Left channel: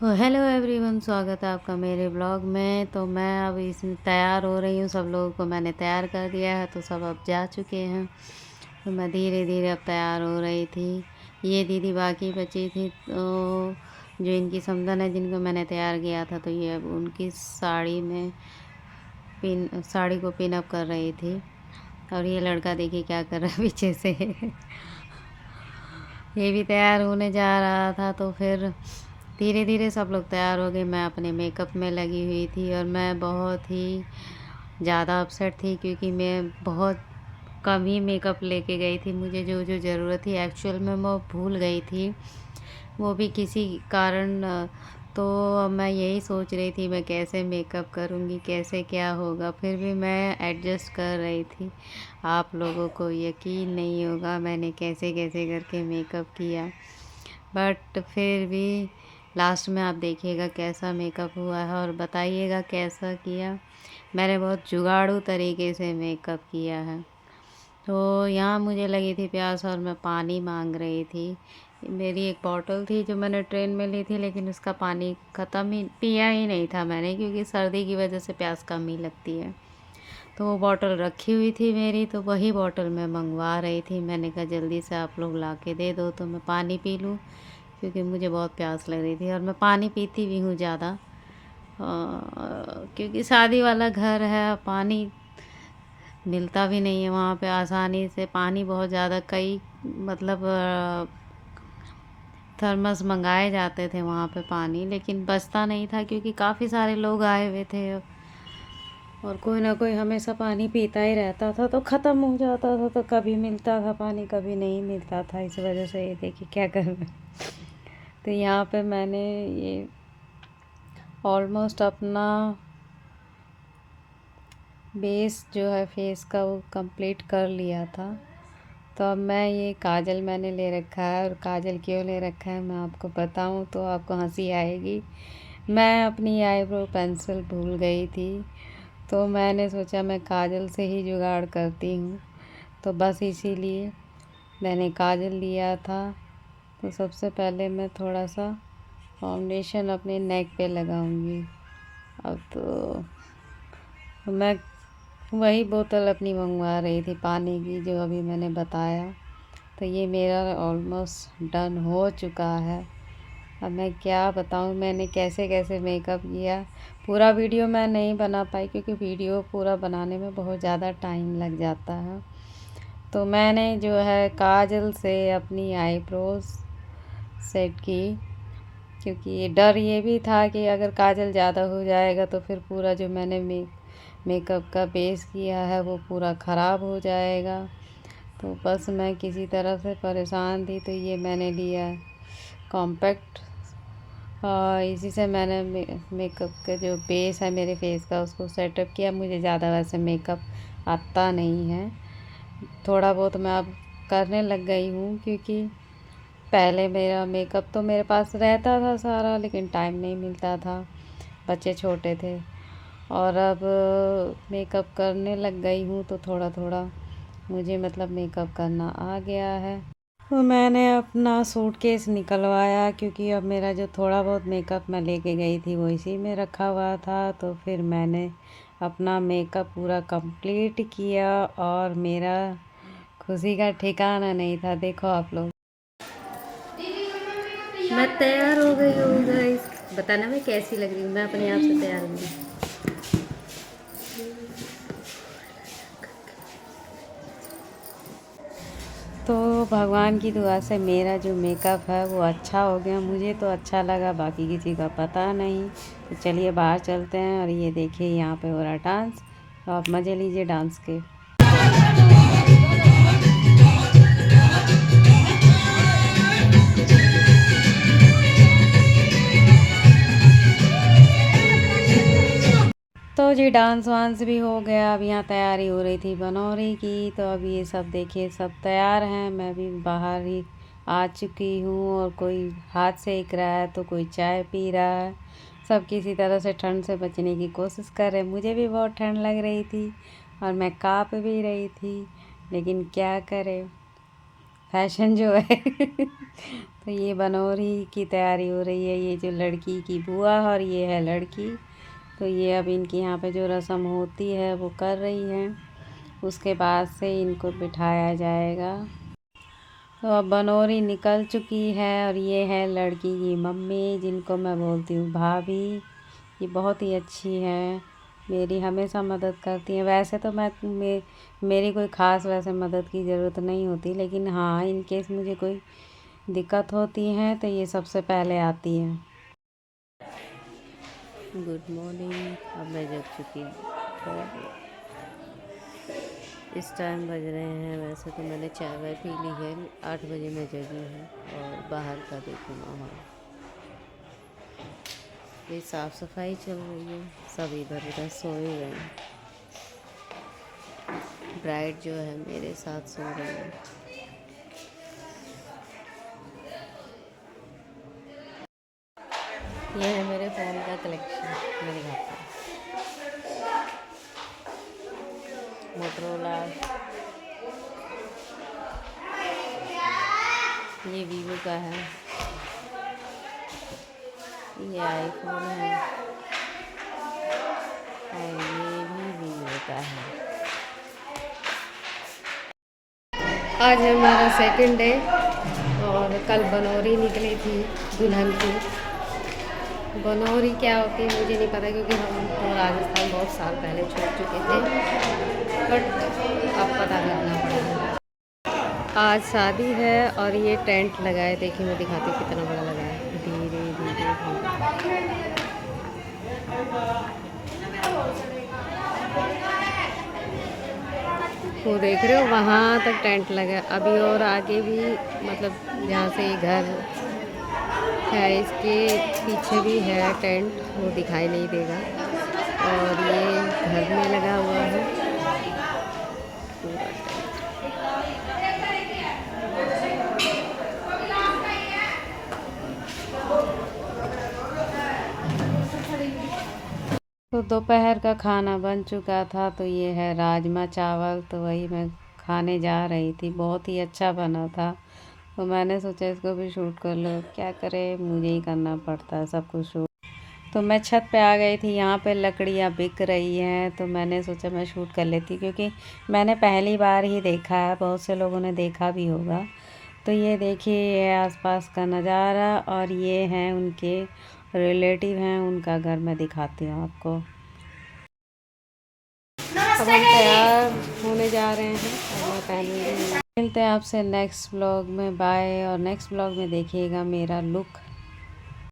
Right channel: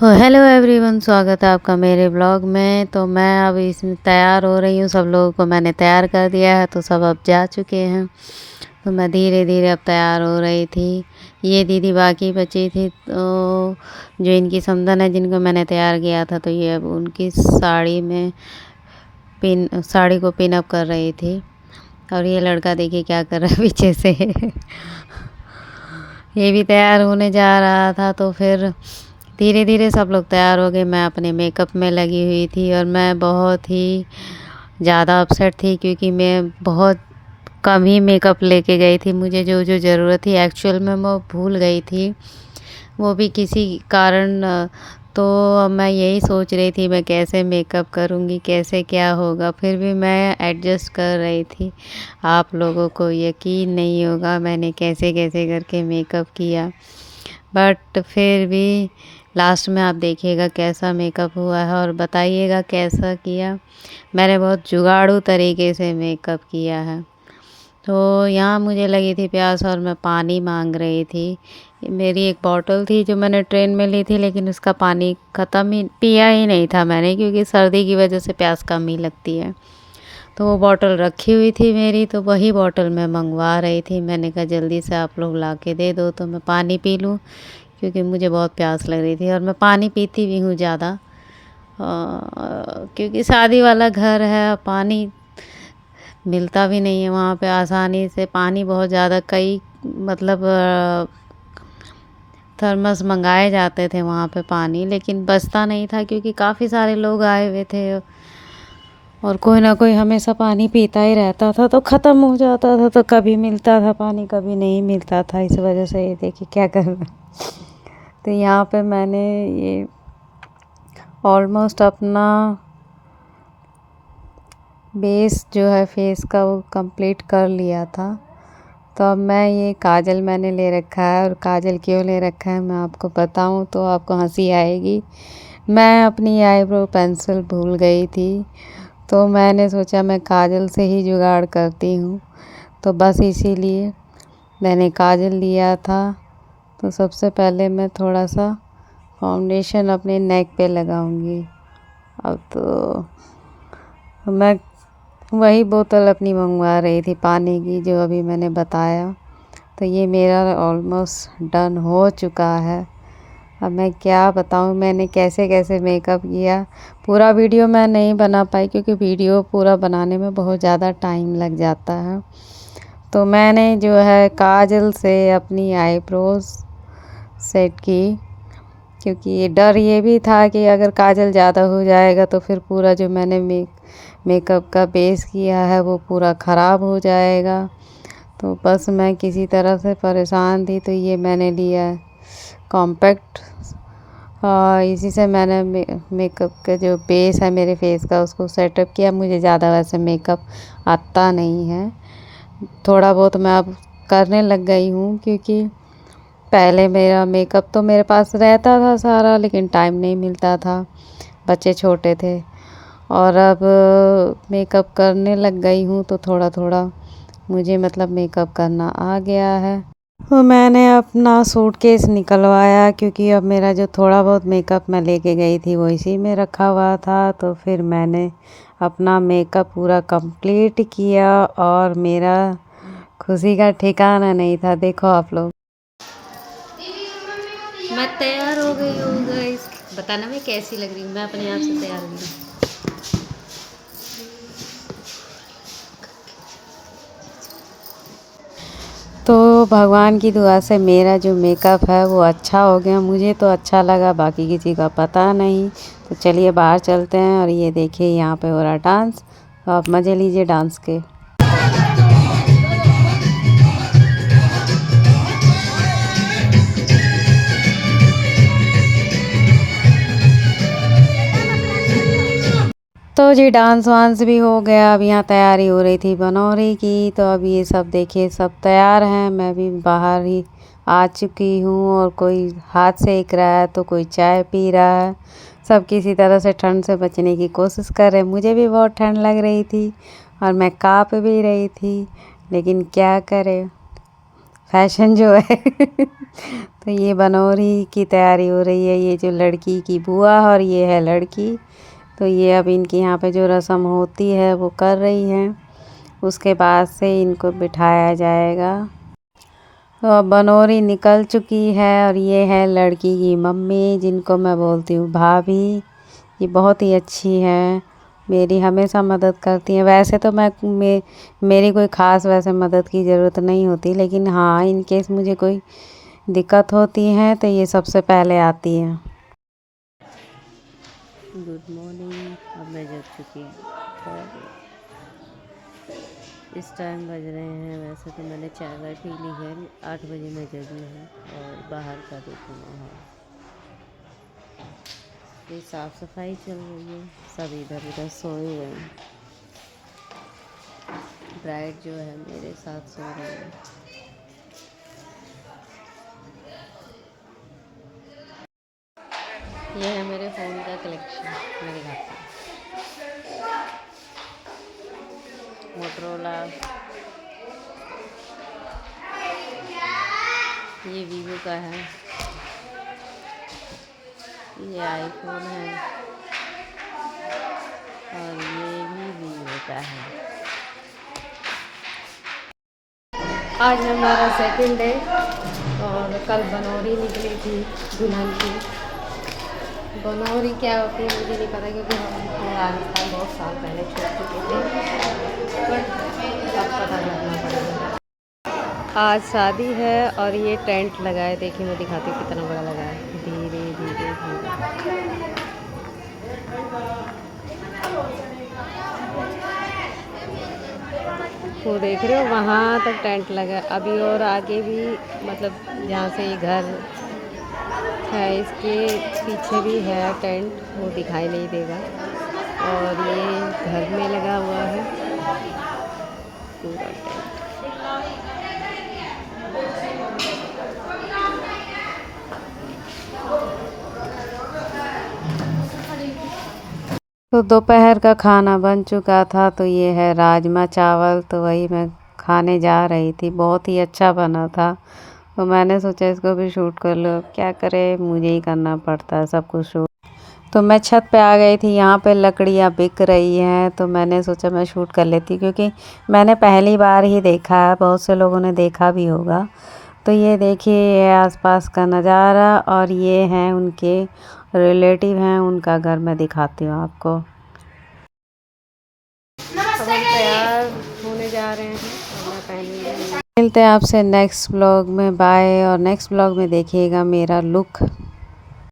Hello everyone, स्वागत है आपका मेरे ब्लॉग में। तो मैं अब इसमें तैयार हो रही हूँ। सब लोगों को मैंने तैयार कर दिया है, तो सब अब जा चुके हैं। तो मैं धीरे धीरे अब तैयार हो रही थी। ये दीदी बाकी बची थी, तो जो इनकी समधन है, जिनको मैंने तैयार किया था, तो ये अब उनकी साड़ी को पिन अप कर रही थी। और ये लड़का देखिए क्या कर रहा है पीछे से ये भी तैयार होने जा रहा था। तो फिर धीरे धीरे सब लोग तैयार हो गए। मैं अपने मेकअप में लगी हुई थी और मैं बहुत ही ज़्यादा अपसेट थी, क्योंकि मैं बहुत कम ही मेकअप लेके गई थी। मुझे जो जो ज़रूरत थी एक्चुअल में मैं भूल गई थी, वो भी किसी कारण। तो अब मैं यही सोच रही थी मैं कैसे मेकअप करूँगी, कैसे क्या होगा। फिर भी मैं एडजस्ट कर रही थी। आप लोगों को यकीन नहीं होगा मैंने कैसे कैसे करके मेकअप किया, बट फिर भी लास्ट में आप देखिएगा कैसा मेकअप हुआ है और बताइएगा कैसा किया। मैंने बहुत जुगाड़ू तरीके से मेकअप किया है। तो यहाँ मुझे लगी थी प्यास और मैं पानी मांग रही थी। मेरी एक बॉटल थी जो मैंने ट्रेन में ली थी, लेकिन उसका पानी ख़त्म ही पिया ही नहीं था मैंने, क्योंकि सर्दी की वजह से प्यास कम ही लगती है। तो वो बॉटल रखी हुई थी मेरी, तो वही बॉटल मैं मंगवा रही थी। मैंने कहा जल्दी से आप लोग ला के दे दो तो मैं पानी पी लूँ, क्योंकि मुझे बहुत प्यास लग रही थी। और मैं पानी पीती भी हूँ ज़्यादा, क्योंकि शादी वाला घर है, पानी मिलता भी नहीं है वहाँ पे आसानी से। पानी बहुत ज़्यादा कई मतलब थर्मस मंगाए जाते थे वहाँ पे पानी, लेकिन बचता नहीं था, क्योंकि काफ़ी सारे लोग आए हुए थे और कोई ना कोई हमेशा पानी पीता ही रहता था, तो ख़त्म हो जाता था। तो कभी मिलता था पानी, कभी नहीं मिलता था। इस वजह से ये देखिए क्या कर रहा है। तो यहाँ पे मैंने ये ऑलमोस्ट अपना बेस जो है फेस का वो कंप्लीट कर लिया था। तो अब मैं ये काजल मैंने ले रखा है, और काजल क्यों ले रखा है मैं आपको बताऊं तो आपको हंसी आएगी। मैं अपनी आईब्रो पेंसिल भूल गई थी, तो मैंने सोचा मैं काजल से ही जुगाड़ करती हूँ। तो बस इसीलिए मैंने काजल लिया था। तो सबसे पहले मैं थोड़ा सा फाउंडेशन अपने नेक पे लगाऊंगी। अब तो मैं वही बोतल अपनी मंगवा रही थी पानी की, जो अभी मैंने बताया। तो ये मेरा ऑलमोस्ट डन हो चुका है। अब मैं क्या बताऊँ मैंने कैसे कैसे मेकअप किया। पूरा वीडियो मैं नहीं बना पाई, क्योंकि वीडियो पूरा बनाने में बहुत ज़्यादा टाइम लग जाता है। तो मैंने जो है काजल से अपनी आईब्रोज सेट की, क्योंकि ये डर ये भी था कि अगर काजल ज़्यादा हो जाएगा तो फिर पूरा जो मैंने मेकअप का बेस किया है वो पूरा ख़राब हो जाएगा। तो बस मैं किसी तरह से परेशान थी, तो ये मैंने लिया है कॉम्पैक्ट। इसी से मैंने मेकअप का जो बेस है मेरे फेस का उसको सेटअप किया। मुझे ज़्यादा वैसे मेकअप आता नहीं है, थोड़ा बहुत मैं अब करने लग गई हूँ, क्योंकि पहले मेरा मेकअप तो मेरे पास रहता था सारा, लेकिन टाइम नहीं मिलता था, बच्चे छोटे थे। और अब मेकअप करने लग गई हूँ, तो थोड़ा थोड़ा मुझे मतलब मेकअप करना आ गया है। तो मैंने अपना सूटकेस निकलवाया, क्योंकि अब मेरा जो थोड़ा बहुत मेकअप मैं लेके गई थी वो इसी में रखा हुआ था। तो फिर मैंने अपना मेकअप पूरा कंप्लीट किया, और मेरा खुशी का ठिकाना नहीं था। देखो आप लोग, मैं तैयार हो गई हूँ गाइस। बताना मैं कैसी लग रही हूँ। मैं अपने आप से तैयार हुई। तो भगवान की दुआ से मेरा जो मेकअप है वो अच्छा हो गया। मुझे तो अच्छा लगा, बाकी किसी का पता नहीं। तो चलिए बाहर चलते हैं। और ये देखिए यहाँ पे हो रहा डांस, तो आप मज़े लीजिए डांस के। तो जी डांस वांस भी हो गया। अब यहाँ तैयारी हो रही थी बनौरी की। तो अब ये सब देखिए सब तैयार हैं, मैं भी बाहर ही आ चुकी हूँ। और कोई हाथ सेक रहा है, तो कोई चाय पी रहा है। सब किसी तरह से ठंड से बचने की कोशिश कर रहे हैं। मुझे भी बहुत ठंड लग रही थी और मैं काँप भी रही थी, लेकिन क्या करें, फैशन जो है तो ये बनोरी की तैयारी हो रही है। ये जो लड़की की बुआ और ये है लड़की, तो ये अब इनके यहाँ पे जो रस्म होती है वो कर रही हैं। उसके बाद से इनको बिठाया जाएगा। तो अब बनोरी निकल चुकी है और ये है लड़की की मम्मी, जिनको मैं बोलती हूँ भाभी। ये बहुत ही अच्छी है, मेरी हमेशा मदद करती हैं। वैसे तो मेरी कोई ख़ास वैसे मदद की ज़रूरत नहीं होती, लेकिन हाँ इन केस मुझे कोई दिक्कत होती है तो ये सबसे पहले आती हैं। Good morning. अब मैं जग चुकी हूँ। इस टाइम बज रहे हैं, वैसे तो मैंने चाय वाय पी ली है, 8 बजे मैं जगी हूँ। और बाहर का देखो माहौल, ये साफ़ सफाई चल रही है, सब इधर उधर सोए हुए हैं। ब्राइड जो है मेरे साथ सो रही है। ये है मेरे फ़ोन का कलेक्शन, मैं दिखाती हूँ। मोटरोला, ये वीवो का है, ये आईफोन है और ये भी वीवो का है। आज है हमारा सेकंड डे और कल बनोरी निकली थी दुल्हन की। बनोरी क्या होती है मुझे नहीं पता, क्योंकि हम राजस्थान बहुत साल पहले छोड़ चुके थे, बट अब पता करना पड़ेगा। आज शादी है और ये टेंट लगा है, देखिए मैं दिखाती हूँ कितना बड़ा लगा है। धीरे धीरे धीरे वो देख रहे हो, वहाँ तक टेंट लगा है। अभी और आगे भी, मतलब जहाँ से ये घर है इसके पीछे भी है टेंट, वो दिखाई नहीं देगा। और ये घर में लगा हुआ है पूरा टेंट। तो दोपहर का खाना बन चुका था, तो ये है राजमा चावल, तो वही मैं खाने जा रही थी। बहुत ही अच्छा बना था, तो मैंने सोचा इसको भी शूट कर लो। क्या करे, मुझे ही करना पड़ता है सब कुछ शूट। तो मैं छत पे आ गई थी, यहाँ पे लकड़ियाँ बिक रही हैं, तो मैंने सोचा मैं शूट कर लेती, क्योंकि मैंने पहली बार ही देखा है, बहुत से लोगों ने देखा भी होगा। तो ये देखिए, ये आसपास का नज़ारा, और ये हैं उनके रिलेटिव हैं, उनका घर मैं दिखाती हूँ आपको। अब हम तैयार होने जा रहे हैं और मैं पहनूंगी। मिलते हैं आपसे नेक्स्ट ब्लॉग में, बाय। और नेक्स्ट ब्लॉग में देखिएगा मेरा लुक।